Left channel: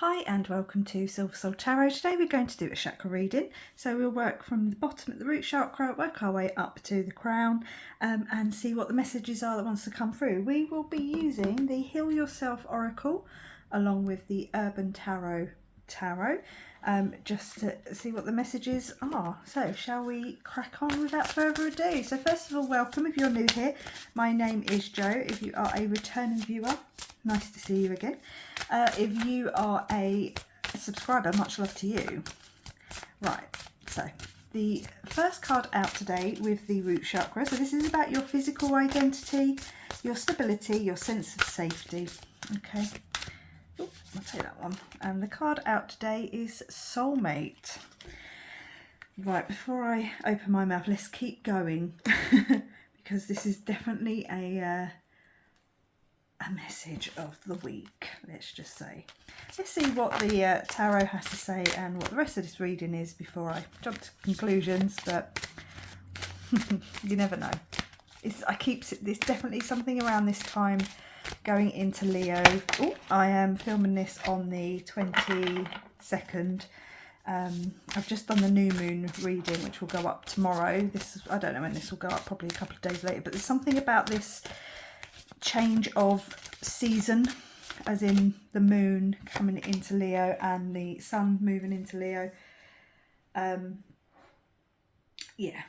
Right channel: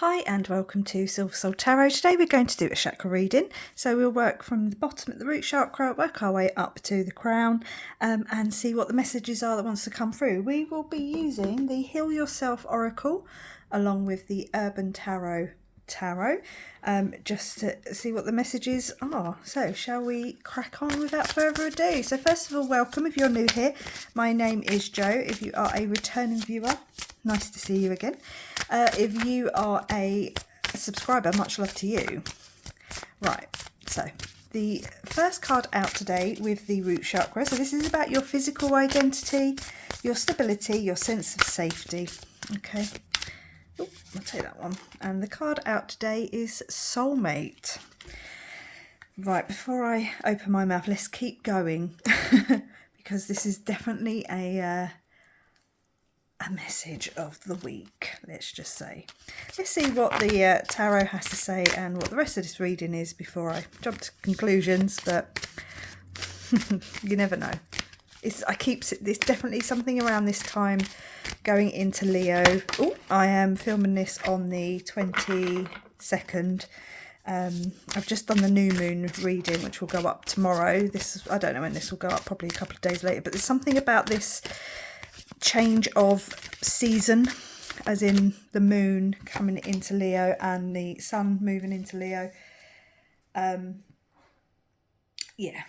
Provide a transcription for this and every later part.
Hi and welcome to Silver Soul Tarot. Today we're going to do a chakra reading. So we'll work from the bottom at the root chakra, work our way up to the crown and see what the messages are that wants to come through. We will be using the Heal Yourself Oracle along with the Urban Tarot just to see what the messages are. So shall we crack on without further ado? So first of all, welcome if you're new here. My name is Jo. If you are a returning viewer, nice to see you again. If you are a subscriber, much love to you. Right, so the first card out today with the root chakra. So this is about your physical identity, your stability, your sense of safety. Okay, I'll take that one. And the card out today is Soulmate. Right, before I open my mouth, let's keep going because this is definitely a message of the week, let's just say. Let's see what the tarot has to say and what the rest of this reading is before I jump to conclusions, but you never know. It's definitely something around this time going into Leo. Oh, I am filming this on the 22nd. I've just done the new moon reading, which will go up tomorrow. I don't know when this will go up, probably a couple of days later, but there's something about this change of season, as in the moon coming into Leo and the sun moving into Leo. Yeah,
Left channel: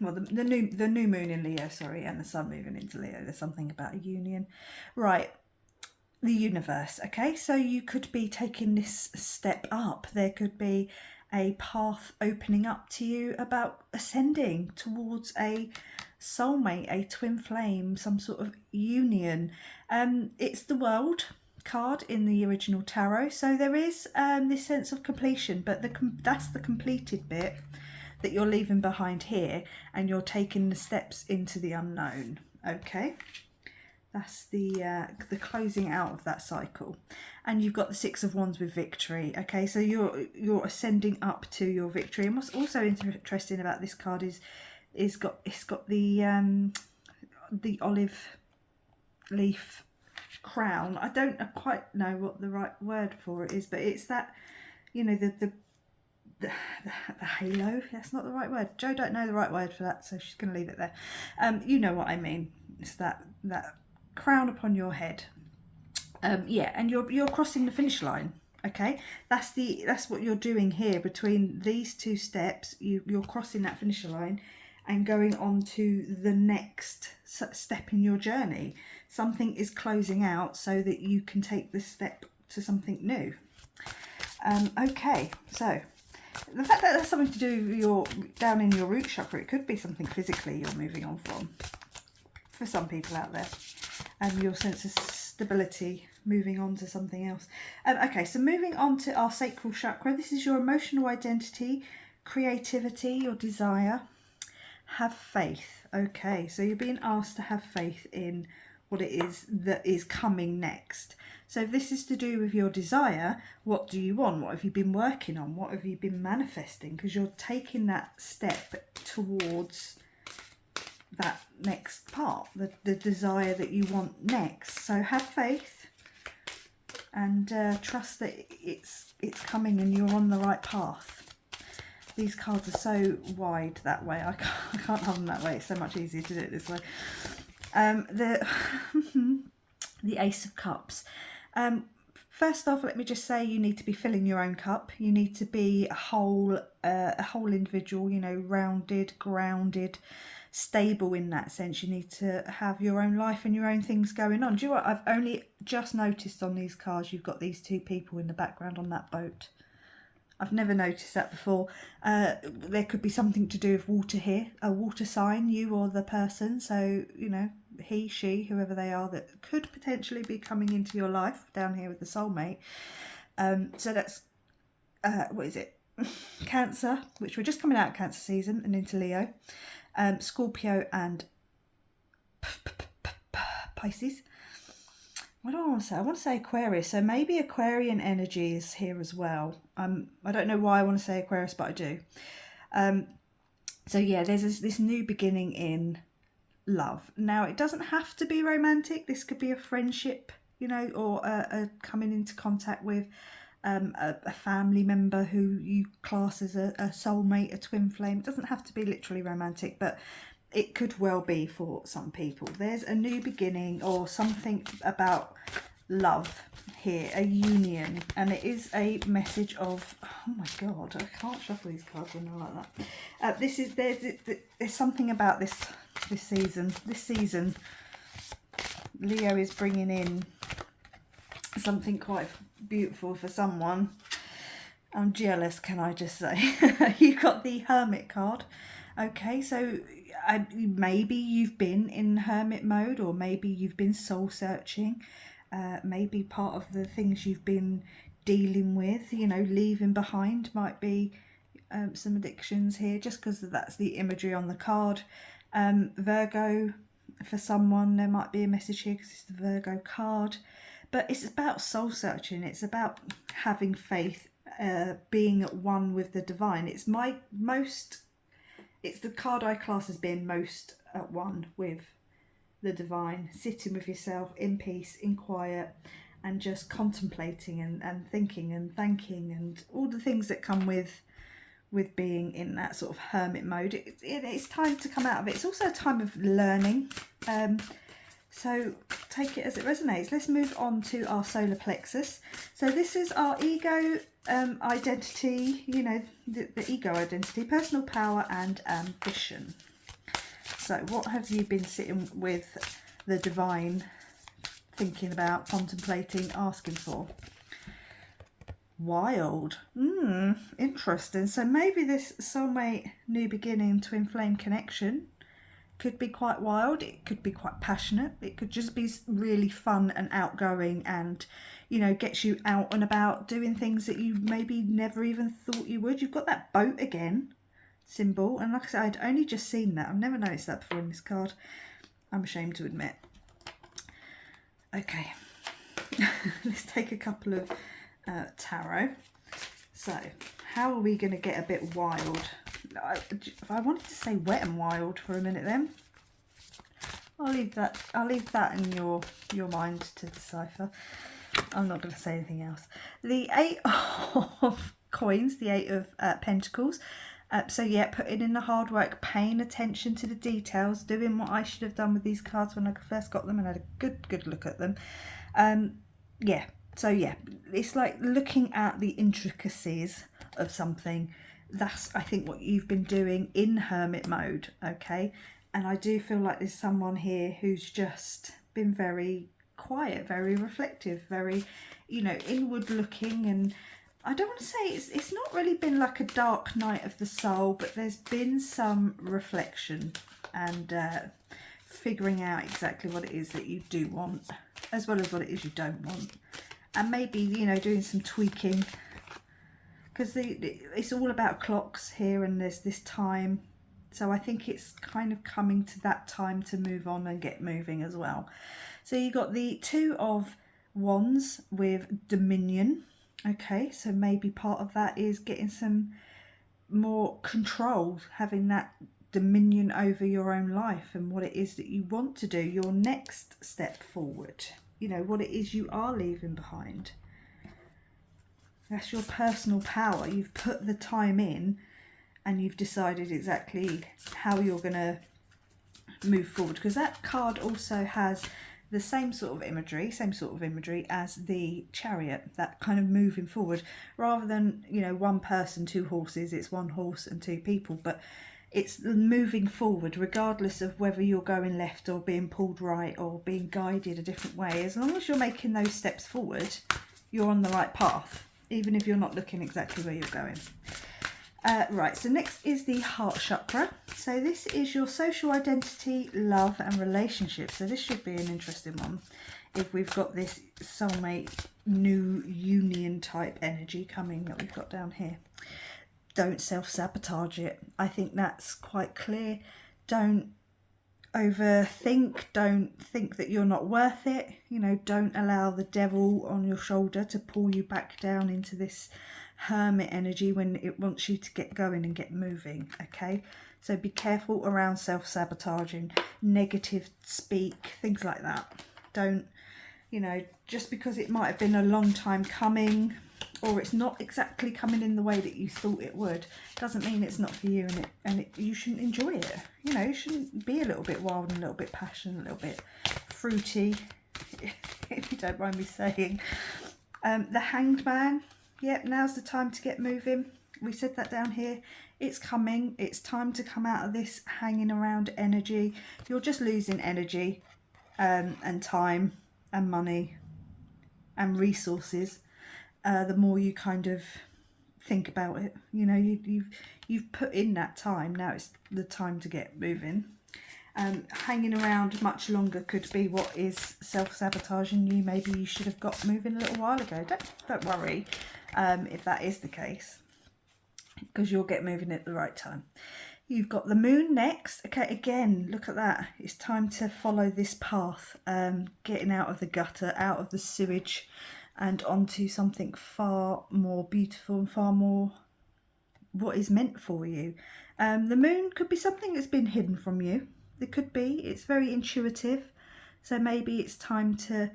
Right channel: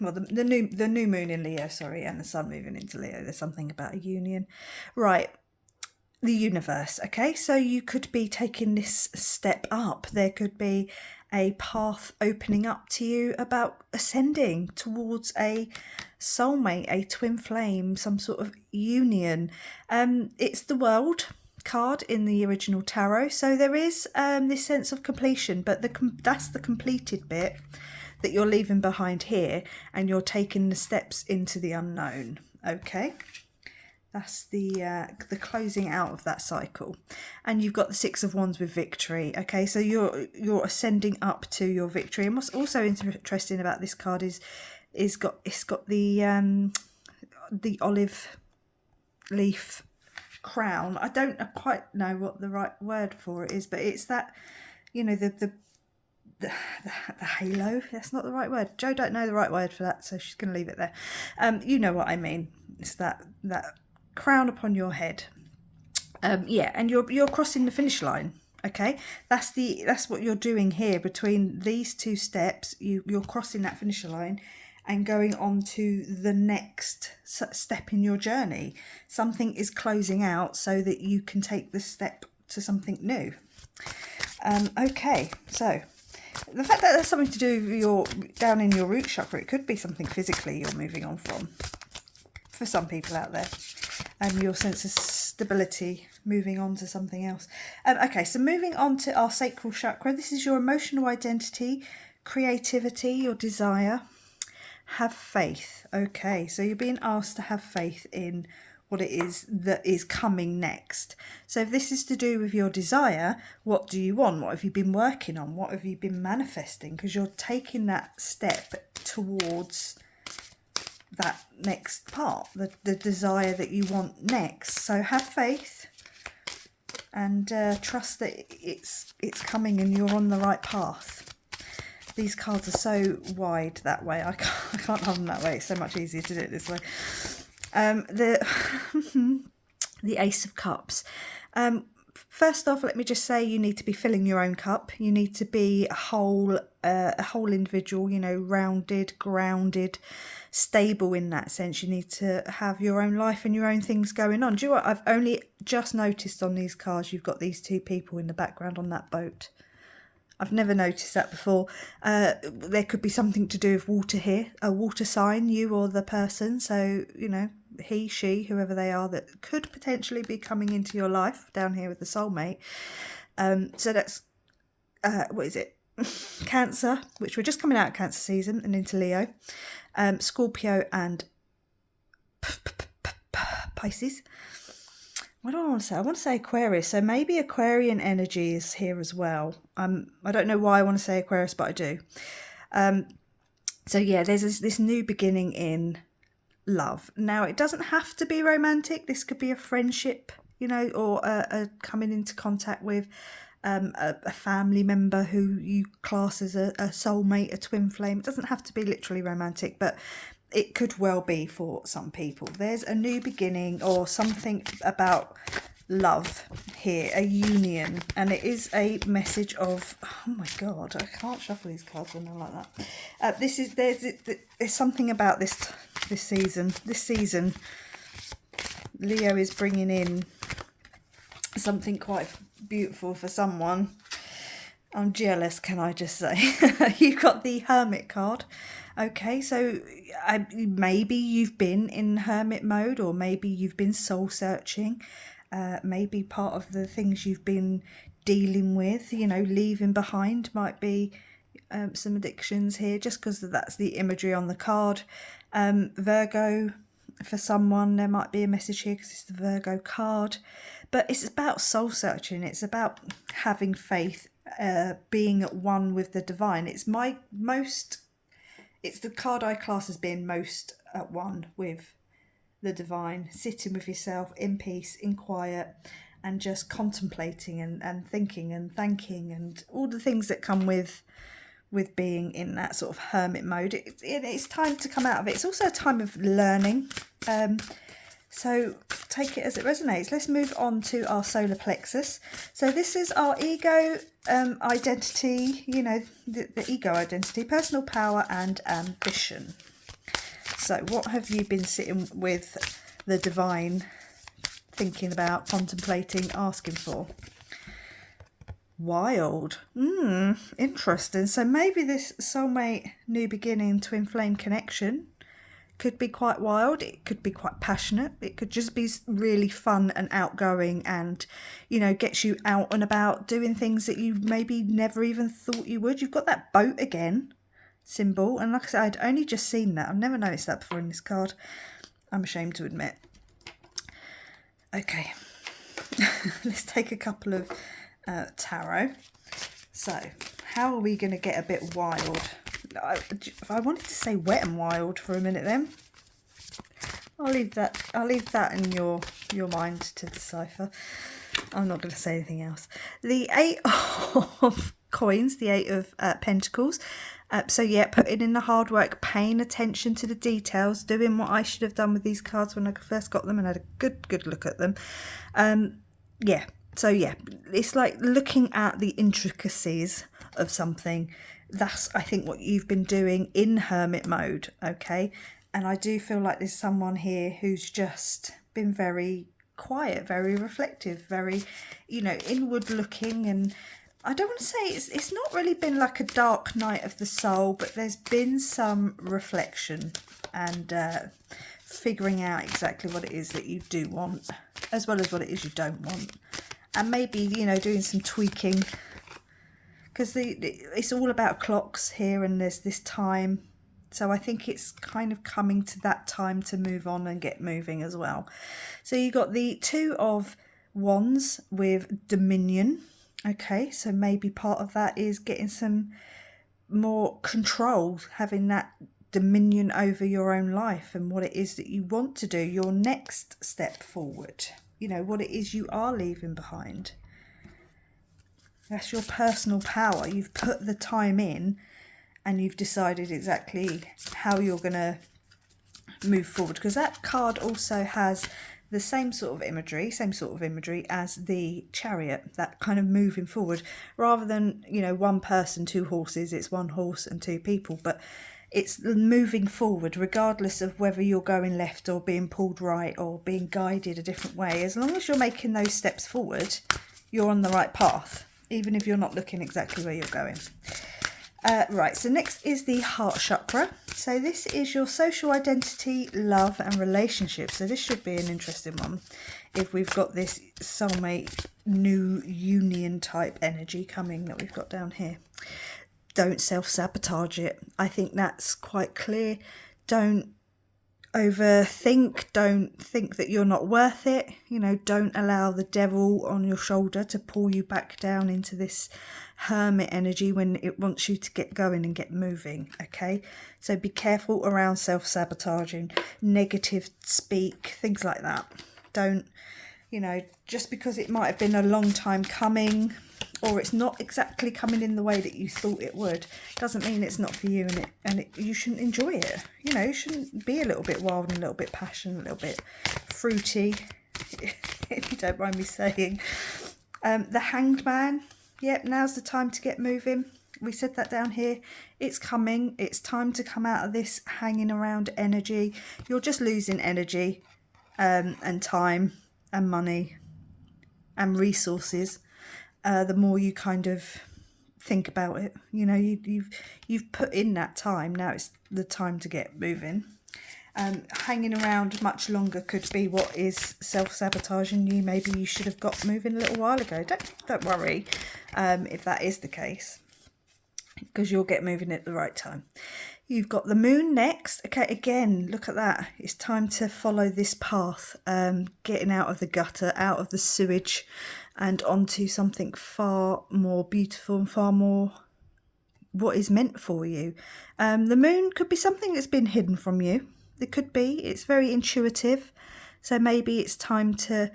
well, the new moon in Leo, sorry, and the sun moving into Leo. There's something about a union, right? The universe. Okay, so you could be taking this step up. There could be a path opening up to you about ascending towards a soulmate, a twin flame, some sort of union. It's the World card in the original tarot, so there is this sense of completion, but that's the completed bit that you're leaving behind here, and you're taking the steps into the unknown. Okay, that's the closing out of that cycle. And you've got the Six of Wands with victory. Okay, so you're ascending up to your victory. And what's also interesting about this card is it's got the olive leaf crown. I don't quite know what the right word for it is, but it's that, you know, the halo. That's not the right word. Jo don't know the right word for that, so she's going to leave it there. You know what I mean. It's that crown upon your head. Yeah, and you're crossing the finish line. Okay, that's what you're doing here between these two steps. You're crossing that finish line and going on to the next step in your journey. Something is closing out so that you can take the step to something new. Okay, so the fact that there's something to do with down in your root chakra, it could be something physically you're moving on from, for some people out there, and your sense of stability moving on to something else. Okay, so moving on to our sacral chakra. This is your emotional identity, creativity, your desire. Have faith. Okay, so you're being asked to have faith in what it is that is coming next. So if this is to do with your desire, what do you want? What have you been working on? What have you been manifesting? Because you're taking that step towards that next part, the desire that you want next. So have faith and trust that it's coming and you're on the right path. These cards are so wide that way. I can't have them that way. It's so much easier to do it this way. The Ace of Cups. First off, let me just say you need to be filling your own cup. You need to be a whole individual, you know, rounded, grounded, stable in that sense. You need to have your own life and your own things going on. Do you know what? I've only just noticed on these cards you've got these two people in the background on that boat. I've never noticed that before. There could be something to do with water here, a water sign, you or the person. So, you know, he, she, whoever they are that could potentially be coming into your life down here with the soulmate. So that's, what is it? Cancer, which we're just coming out of Cancer season and into Leo. Scorpio and Pisces. What do I want to say? I want to say Aquarius. So maybe Aquarian energy is here as well. I don't know why I want to say Aquarius, but I do. So yeah, there's this new beginning in love. Now, it doesn't have to be romantic. This could be a friendship, you know, or a coming into contact with a family member who you class as a soulmate, a twin flame. It doesn't have to be literally romantic, but it could well be for some people. There's a new beginning or something about love here, a union, and it is a message of, oh my god, I can't shuffle these cards when they're like that. There's something about this season. Leo is bringing in something quite beautiful for someone. I'm jealous, can I just say. You got the Hermit card. Okay, so maybe you've been in hermit mode, or maybe you've been soul searching. Maybe part of the things you've been dealing with, you know, leaving behind might be some addictions here, just because that's the imagery on the card. Virgo, for someone, there might be a message here because it's the Virgo card. But it's about soul searching. It's about having faith, being at one with the divine. It's the card I class as being most at one with the divine, sitting with yourself in peace, in quiet, and just contemplating and thinking and thanking and all the things that come with being in that sort of hermit mode. It's time to come out of it. It's also a time of learning. So take it as it resonates. Let's move on to our solar plexus. So this is our ego identity, you know, the ego identity, personal power and ambition. So what have you been sitting with the divine, thinking about, contemplating, asking for? Wild. Interesting. So maybe this soulmate, new beginning, twin flame connection could be quite wild. It could be quite passionate. It could just be really fun and outgoing, and, you know, gets you out and about doing things that you maybe never even thought you would. You've got that boat again symbol, and like I said, I'd only just seen that. I've never noticed that before in this card, I'm ashamed to admit. Okay, let's take a couple of tarot. So how are we going to get a bit wild? I wanted to say wet and wild for a minute then. I'll leave that in your mind to decipher. I'm not going to say anything else. The 8 of coins, the 8 of pentacles. So yeah, putting in the hard work, paying attention to the details, doing what I should have done with these cards when I first got them and had a good look at them. Yeah, so yeah, it's like looking at the intricacies of something. That's, I think, what you've been doing in hermit mode, okay? And I do feel like there's someone here who's just been very quiet, very reflective, very, you know, inward looking, and I don't want to say it's not really been like a dark night of the soul, but there's been some reflection and figuring out exactly what it is that you do want, as well as what it is you don't want. And maybe, you know, doing some tweaking, because it's all about clocks here, and there's this time. So I think it's kind of coming to that time to move on and get moving as well. So you got the 2 of Wands with Dominion. Okay, so maybe part of that is getting some more control, having that dominion over your own life and what it is that you want to do, your next step forward, you know, what it is you are leaving behind. That's your personal power. You've put the time in and you've decided exactly how you're going to move forward, because that card also has the same sort of imagery as the Chariot, that kind of moving forward, rather than, you know, one person, 2 horses. It's 1 horse and 2 people, but it's moving forward regardless of whether you're going left or being pulled right or being guided a different way. As long as you're making those steps forward, you're on the right path, even if you're not looking exactly where you're going. Right, so next is the heart chakra. So this is your social identity, love and relationships. So this should be an interesting one if we've got this soulmate, new union type energy coming that we've got down here. Don't self-sabotage it. I think that's quite clear. Don't overthink. Don't think that you're not worth it. You know, don't allow the devil on your shoulder to pull you back down into this hermit energy when it wants you to get going and get moving. Okay, so be careful around self-sabotaging, negative speak, things like that. Don't, you know, just because it might have been a long time coming, or it's not exactly coming in the way that you thought it would, doesn't mean it's not for you, and you shouldn't enjoy it. You know, you shouldn't be a little bit wild and a little bit passionate, a little bit fruity, if you don't mind me saying. The Hanged Man, yep, now's the time to get moving. We said that down here. It's coming. It's time to come out of this hanging around energy. You're just losing energy and time and money and resources the more you kind of think about it. You know, you've put in that time. Now it's the time to get moving. Hanging around much longer could be what is self-sabotaging you. Maybe you should have got moving a little while ago. Don't worry if that is the case, because you'll get moving at the right time. You've got the moon next. Okay, again, look at that. It's time to follow this path, getting out of the gutter, out of the sewage, and onto something far more beautiful and far more what is meant for you. The moon could be something that's been hidden from you. It could be. It's very intuitive. So maybe it's time to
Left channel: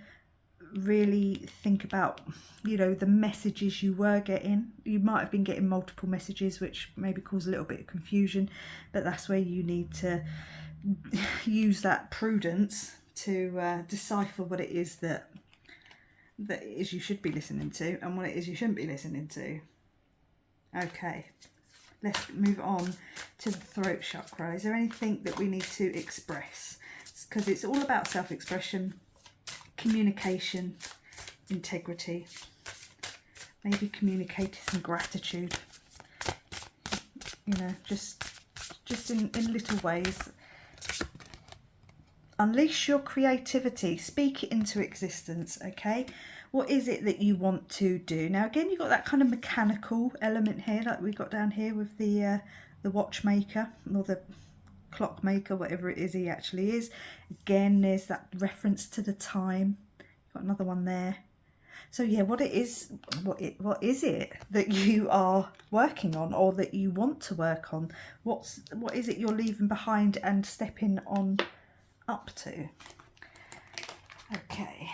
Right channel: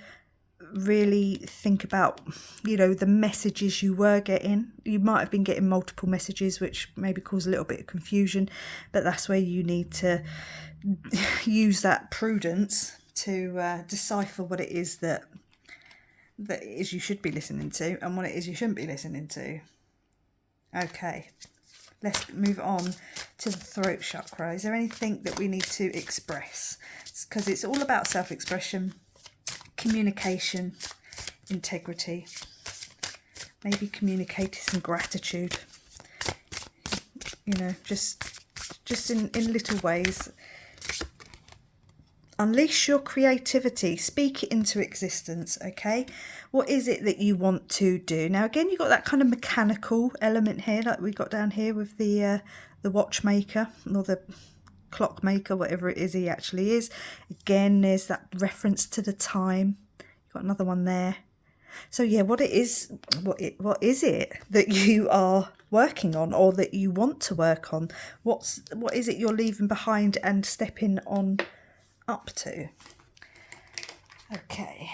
really think about, you know, the messages you were getting. You might have been getting multiple messages, which maybe cause a little bit of confusion, but that's where you need to use that prudence to decipher what it is that it is you should be listening to and what it is you shouldn't be listening to. Okay, let's move on to the throat chakra. Is there anything that we need to express? Because it's all about self-expression, communication, integrity, maybe communicating some gratitude, you know, just in little ways. Unleash your creativity, speak it into existence. Okay, what is it that you want to do? Now again, you've got that kind of mechanical element here, like we got down here with the watchmaker or the clockmaker, whatever it is he actually is. Again, there's that reference to the time. You've got another one there. So yeah, what is it that you are working on, or that you want to work on? What is it you're leaving behind and stepping on up to? Okay,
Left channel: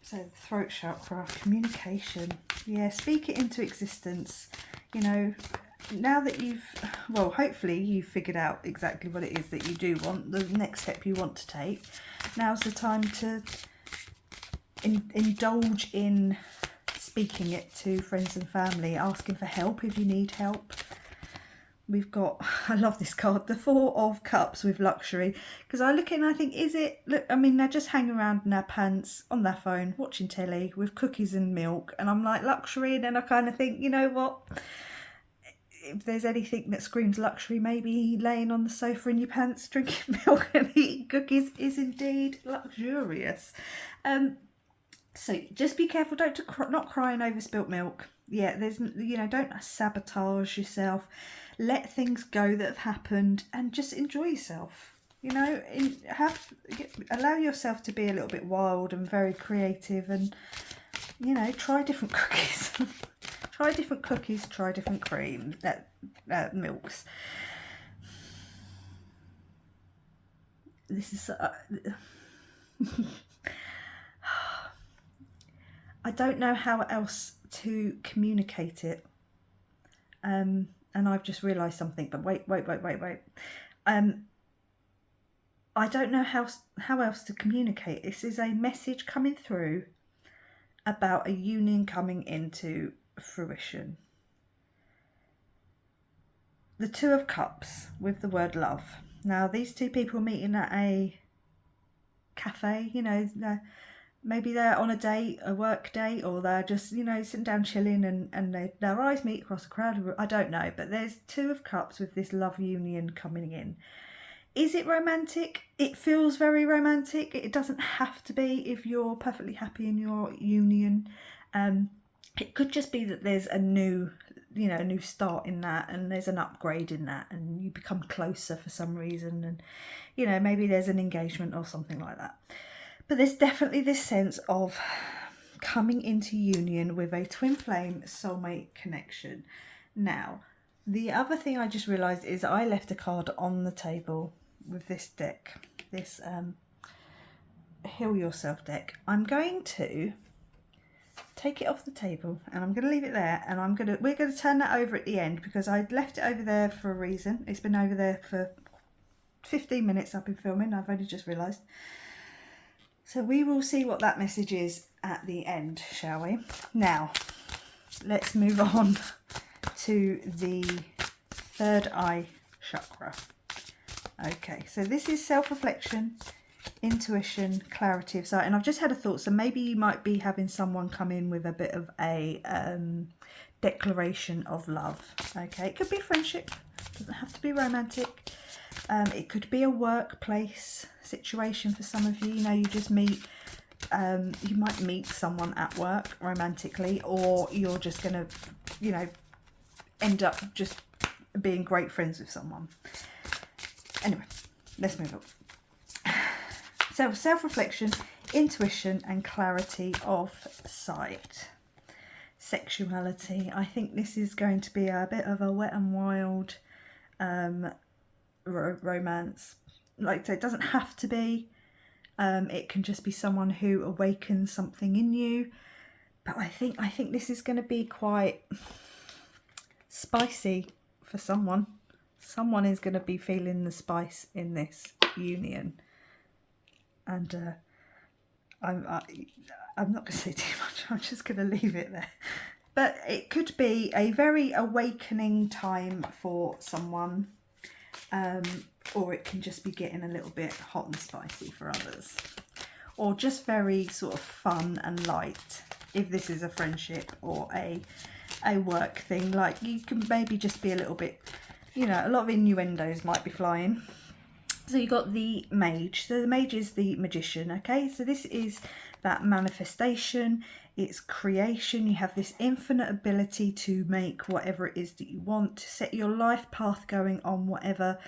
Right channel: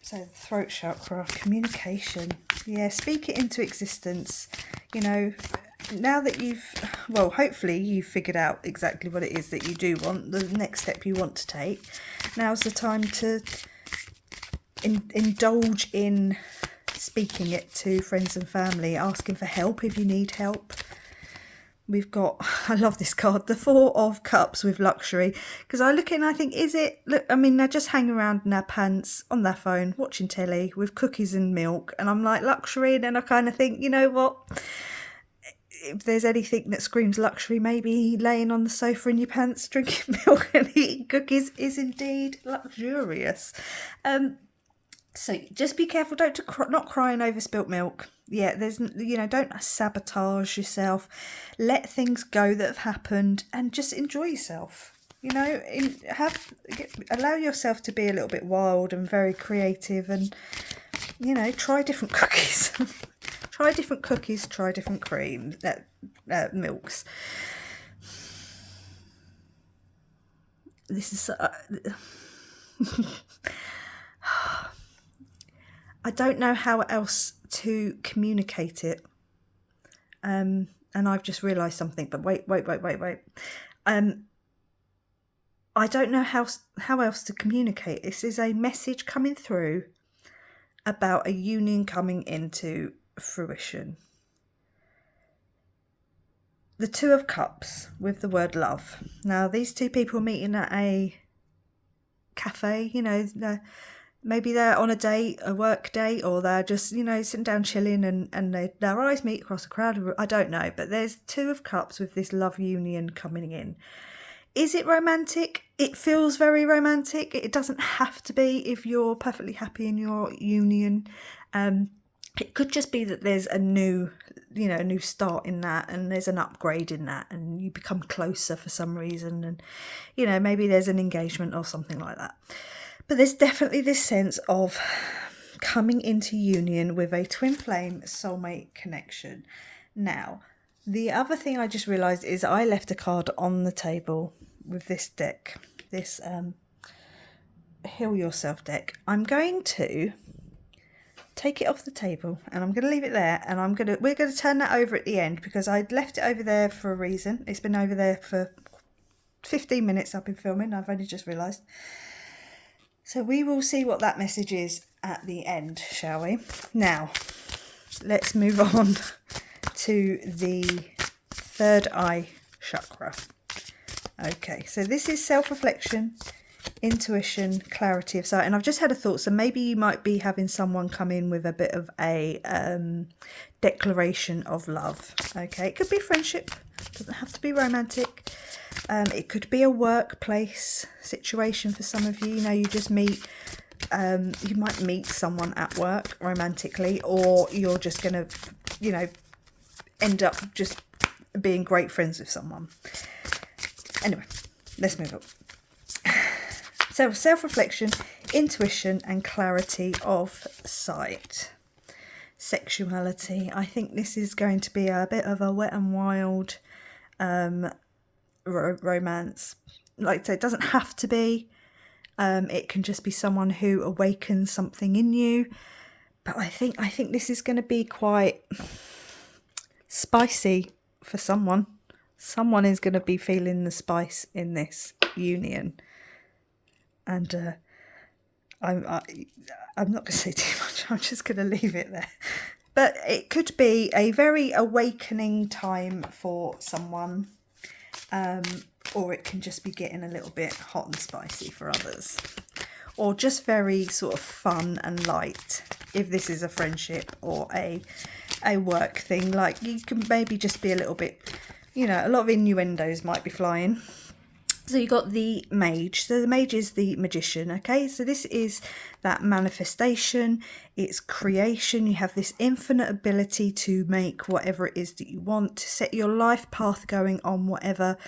so the throat chakra, communication. Yeah, speak it into existence. You know, now that hopefully you've figured out exactly what it is that you do want, the next step you want to take. Now's the time to indulge in speaking it to friends and family, asking for help if you need help. We've got, I love this card, the Four of Cups with luxury, because I look in and I think, I mean, they're just hanging around in their pants, on their phone, watching telly with cookies and milk, and I'm like, luxury, and then I kind of think, you know what, if there's anything that screams luxury, maybe laying on the sofa in your pants, drinking milk and eating cookies is indeed luxurious. So just be careful, not crying over spilt milk. Yeah, don't sabotage yourself. Let things go that have happened and just enjoy yourself. You know, allow yourself to be a little bit wild and very creative, and, you know, try different cookies. Try different cookies, try different cream, milks. This is... I don't know how else to communicate it. And I've just realised something, but wait. I don't know how else to communicate. This is a message coming through about a union coming into fruition. The Two of Cups with the word love. Now, these two people meeting at a cafe, you know, maybe they're on a date, a work date, or they're just, you know, sitting down chilling and their eyes meet across a crowd. I don't know, but there's Two of Cups with this love union coming in. Is it romantic? It feels very romantic. It doesn't have to be if you're perfectly happy in your union. It could just be that there's a new start in that, and there's an upgrade in that, and you become closer for some reason, and, you know, maybe there's an engagement or something like that. But there's definitely this sense of coming into union with a twin flame soulmate connection. Now, the other thing I just realised is I left a card on the table with this deck, this Heal Yourself deck. I'm going to take it off the table, and I'm going to leave it there, and we're going to turn that over at the end because I'd left it over there for a reason. It's been over there for 15 minutes I've been filming. I've only just realised. So we will see what that message is at the end, shall we? Now, let's move on to the third eye chakra. Okay, so this is self-reflection, intuition, clarity of sight. And I've just had a thought, so maybe you might be having someone come in with a bit of a declaration of love. Okay, it could be friendship, doesn't have to be romantic. It could be a workplace situation for some of you. You know, you just meet, you might meet someone at work romantically, or you're just going to, you know, end up just being great friends with someone. Anyway, let's move on. So self-reflection, intuition and clarity of sight. Sexuality. I think this is going to be a bit of a wet and wild romance. Like I say, it doesn't have to be. It can just be someone who awakens something in you. But I think this is going to be quite spicy for someone. Someone is going to be feeling the spice in this union. And I'm not going to say too much. I'm just going to leave it there. But it could be a very awakening time for someone. Or it can just be getting a little bit hot and spicy for others. Or just very sort of fun and light if this is a friendship or a work thing. Like, you can maybe just be a little bit, you know, a lot of innuendos might be flying. So you got the mage. So the mage is the magician, okay? So this is that manifestation, it's creation. You have this infinite ability to make whatever it is that you want, to set your life path going on whatever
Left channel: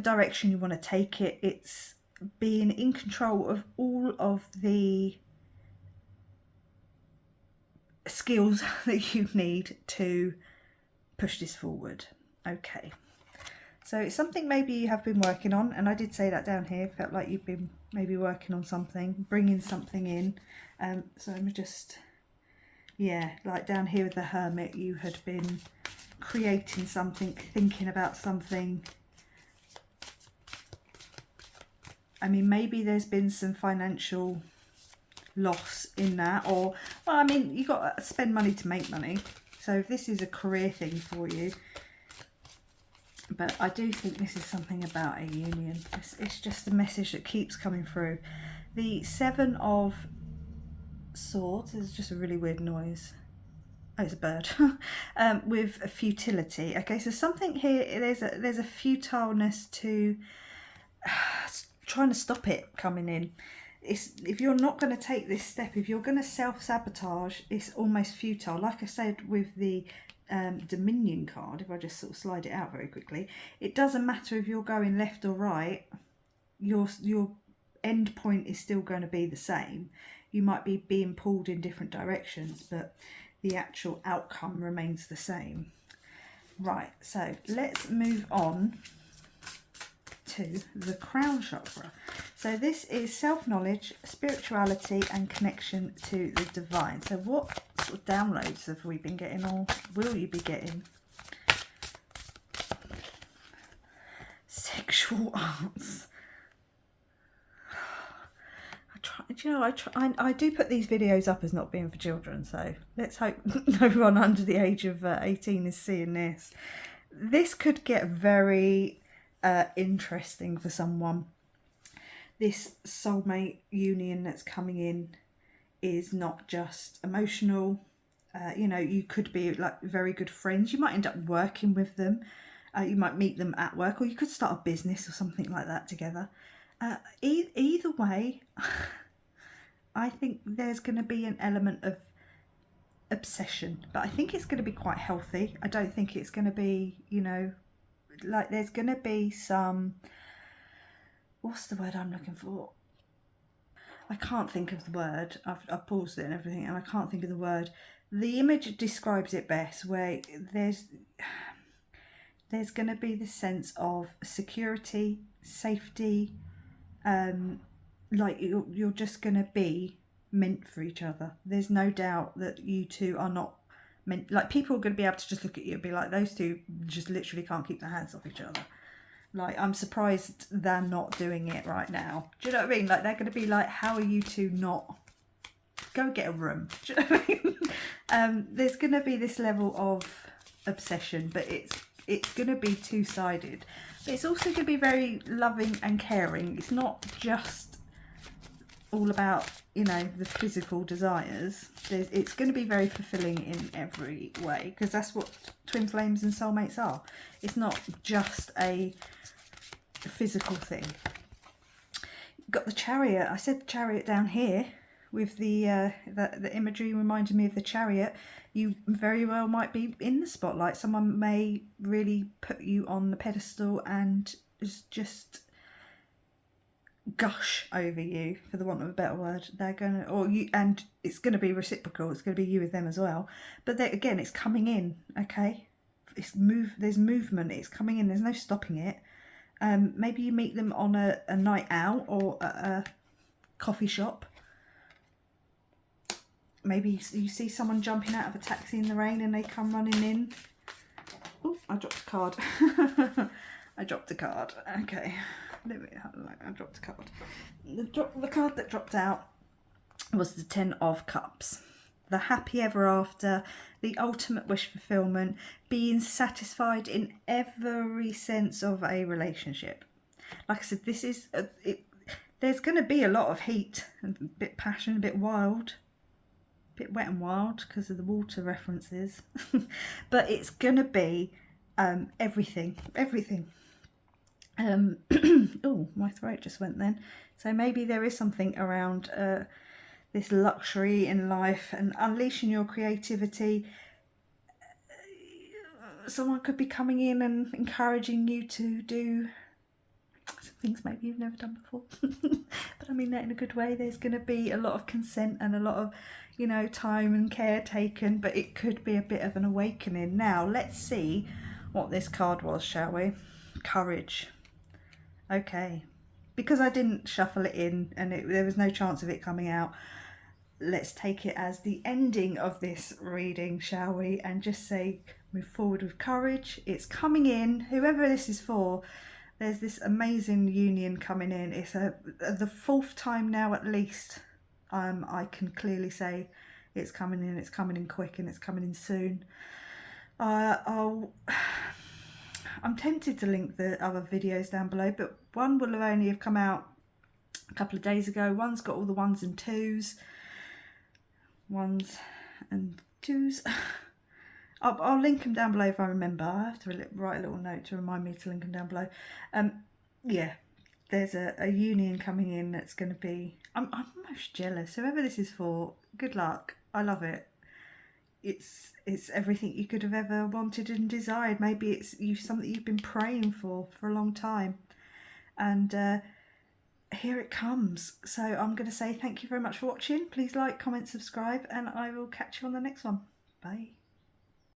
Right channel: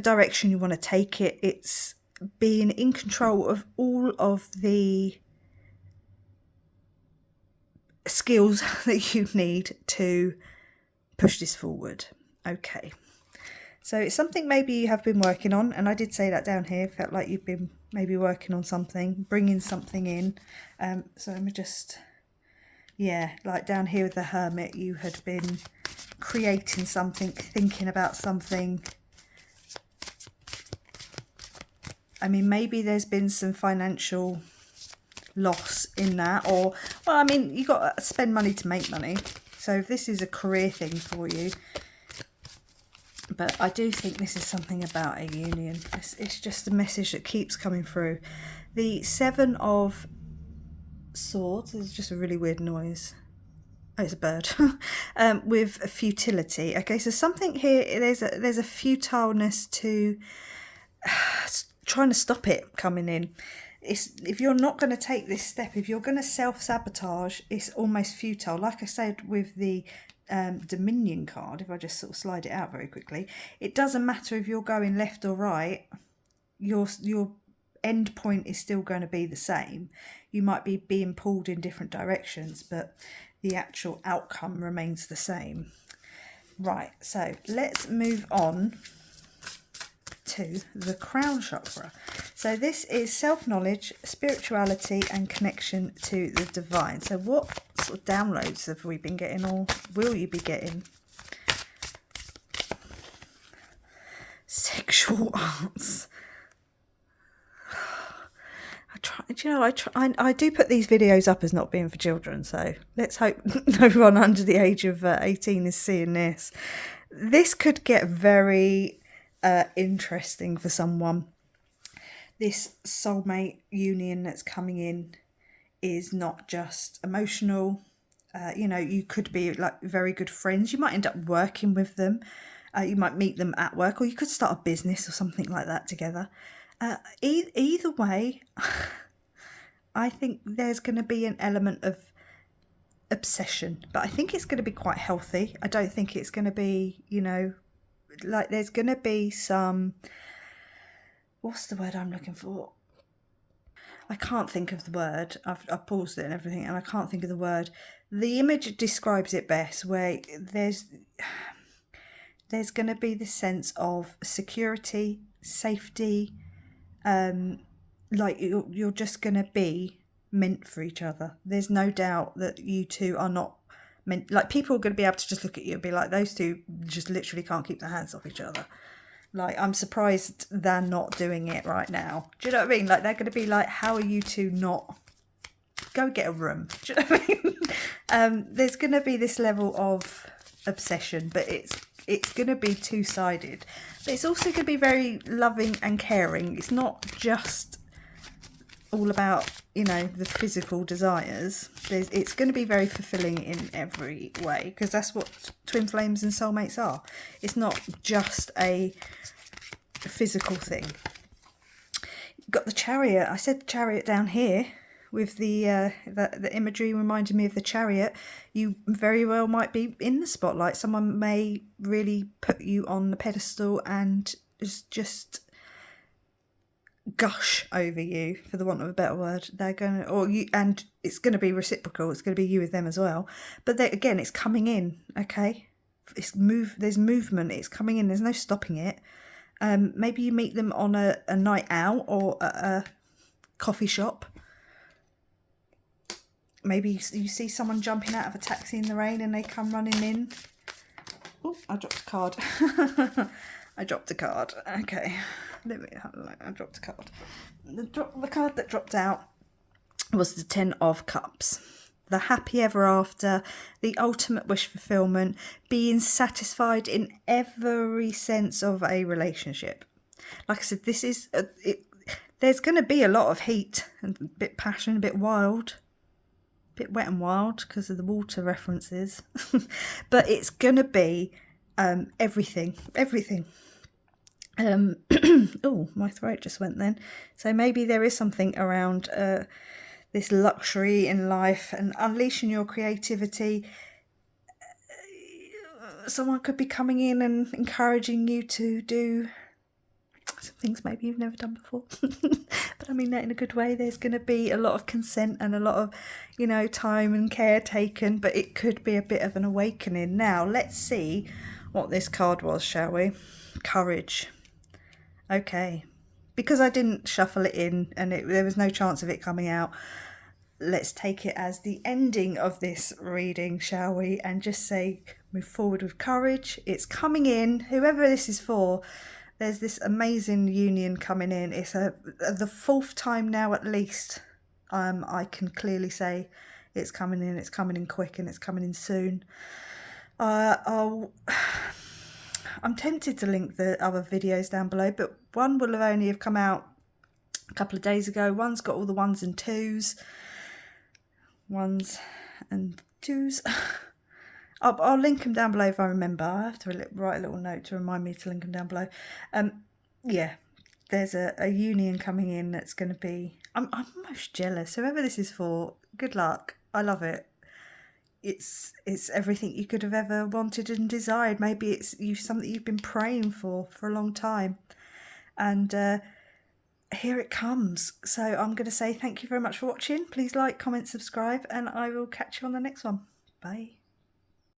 direction you want to take it. It's being in control of all of the skills that you need to push this forward. Okay. So it's something maybe you have been working on, and I did say that down here, felt like you've been maybe working on something, bringing something in. So let me just, yeah, like down here with the Hermit, you had been creating something, thinking about something. I mean, maybe there's been some financial loss in that, or, well, I mean, you got to spend money to make money. So if this is a career thing for you, but I do think this is something about a union. It's just a message that keeps coming through. The Seven of Swords is just a really weird noise. Oh, it's a bird. With a futility. Okay, so something here, there's a futileness to trying to stop it coming in. If you're not going to take this step, if you're going to self-sabotage, it's almost futile. Like I said with the Dominion card, if I just sort of slide it out very quickly, it doesn't matter if you're going left or right, your end point is still going to be the same. You might be being pulled in different directions, but the actual outcome remains the same. Right, so let's move on to the crown chakra. So this is self-knowledge, spirituality and connection to the divine. So what sort of downloads have we been getting, or will you be getting? Sexual arts. I do put these videos up as not being for children, so let's hope no one under the age of 18 is seeing this. This could get very interesting for someone. This soulmate union that's coming in is not just emotional. You know, you could be like very good friends. You might end up working with them. You might meet them at work, or you could start a business or something like that together. Either way, I think there's going to be an element of obsession, but I think it's going to be quite healthy. I don't think it's going to be, you know, like there's going to be some, what's the word I'm looking for? I can't think of the word. I've paused it and everything, and I can't think of the word. The image describes it best, where there's going to be this sense of security, safety, like you're just going to be meant for each other. There's no doubt that you two are not meant, like, people are going to be able to just look at you and be like, those two just literally can't keep their hands off each other. Like, I'm surprised they're not doing it right now. Do you know what I mean? Like, they're going to be like, how are you two not? Go get a room. Do you know what I mean? There's going to be this level of obsession, but it's going to be two-sided. But it's also going to be very loving and caring. It's not just all about, you know, the physical desires. It's going to be very fulfilling in every way, because that's what twin flames and soulmates are. It's not just a physical thing. You've got the Chariot. I said Chariot down here with the imagery reminded me of the Chariot. You very well might be in the spotlight. Someone may really put you on the pedestal and just gush over you, for the want of a better word. They're gonna, or you, and it's going to be reciprocal. It's going to be you with them as well. But again, it's coming in. Okay, there's movement. It's coming in. There's no stopping it. Maybe you meet them on a night out or at a coffee shop. Maybe you see someone jumping out of a taxi in the rain and they come running in. Oh, I dropped a card. I dropped a card. Okay. I dropped a card. The card that dropped out was the 10 of Cups. The happy ever after, the ultimate wish fulfillment, being satisfied in every sense of a relationship. Like I said, this is there's going to be a lot of heat, and a bit passion, a bit wild, a bit wet and wild because of the water references. But it's going to be everything. Oh, my throat just went then. So maybe there is something around this luxury in life and unleashing your creativity. Someone could be coming in and encouraging you to do some things maybe you've never done before. But I mean that in a good way. There's going to be a lot of consent and a lot of, you know, time and care taken, but it could be a bit of an awakening. Now, let's see what this card was, shall we? Courage. Okay. Because I didn't shuffle it in and there was no chance of it coming out, let's take it as the ending of this reading, shall we? And just say, move forward with courage. It's coming in. Whoever this is for, there's this amazing union coming in. It's the fourth time now at least. I can clearly say it's coming in. It's coming in quick and it's coming in soon. I'm tempted to link the other videos down below, but one will only have come out a couple of days ago. One's got all the ones and twos. I'll link them down below if I remember. I have to write a little note to remind me to link them down below. Yeah, there's a union coming in that's going to be... I'm almost jealous. Whoever this is for, good luck. I love it. It's everything you could have ever wanted and desired. Maybe it's something you've been praying for a long time. And here it comes. So I'm going to say thank you very much for watching. Please like, comment, subscribe, and I will catch you on the next one. Bye.